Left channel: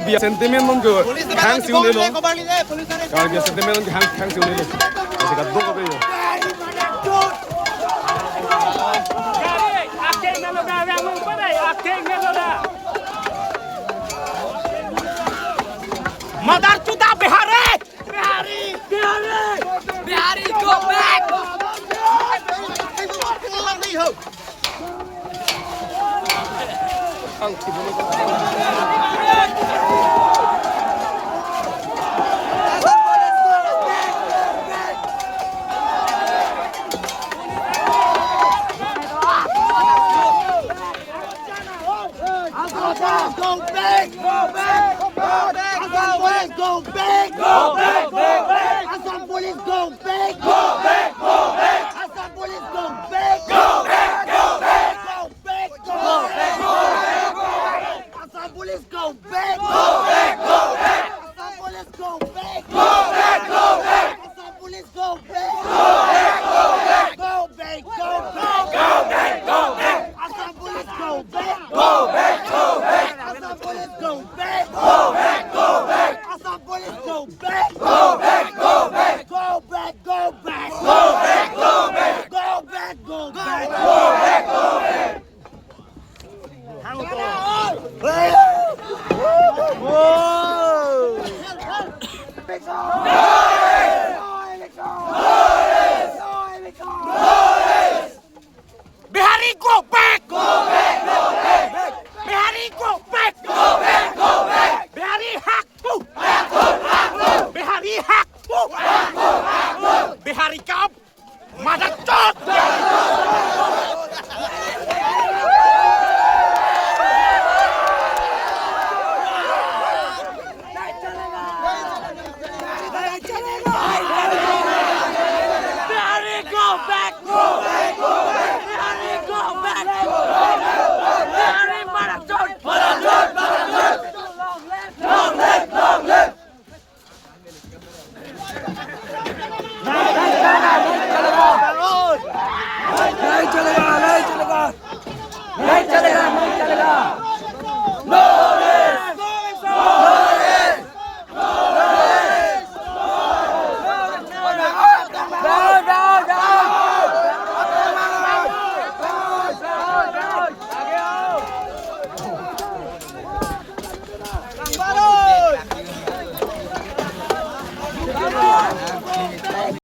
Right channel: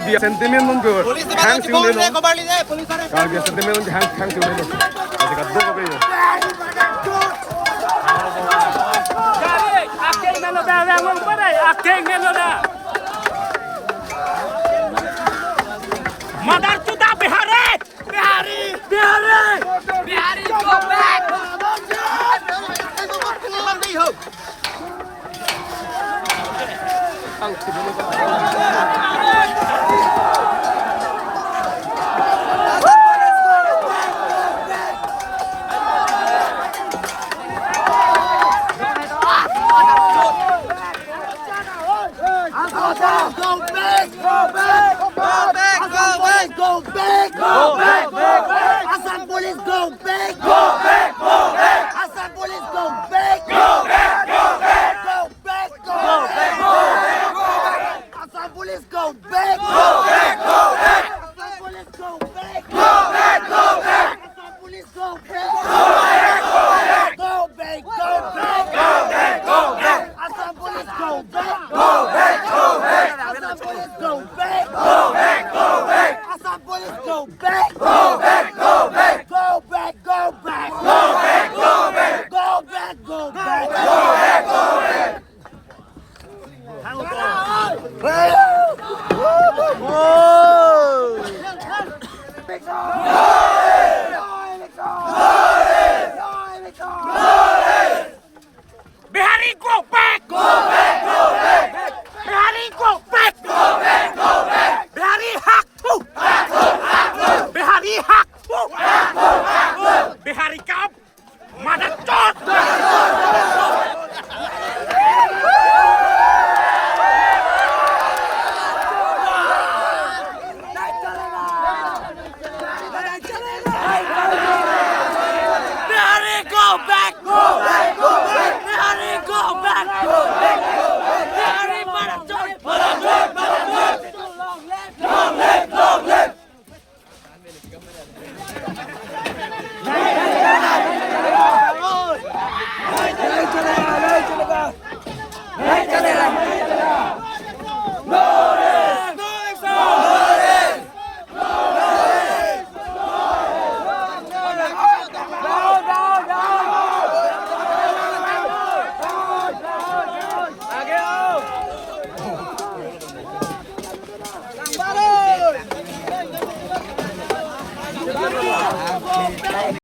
biar sentimen mon go hang siu ne lo kar biar sentimen mon hang siu ne lo ase ka do ko be yo Mother chuda Bihari! Bihari! Bihari! Bihari, go back! Go back! Go back! Go back! Assam police go back! Go back! Go back! Assam police go back! Go back! Go back! Assam police go back! Go back! Go back! Go back! Go back! Go back! Assam police go back! Go back! Go back! Assam police go back! Go back! Go back! Assam police go back! Go back! Go back! Go back! Assam police go back! Go back! Go back! Assam police go back! Go back! Go back! Assam police go back! Go back! Go back! Go back! Go back! Go back! Go back! Go back! Go back! Go back! Go back! Bihari, go back! Go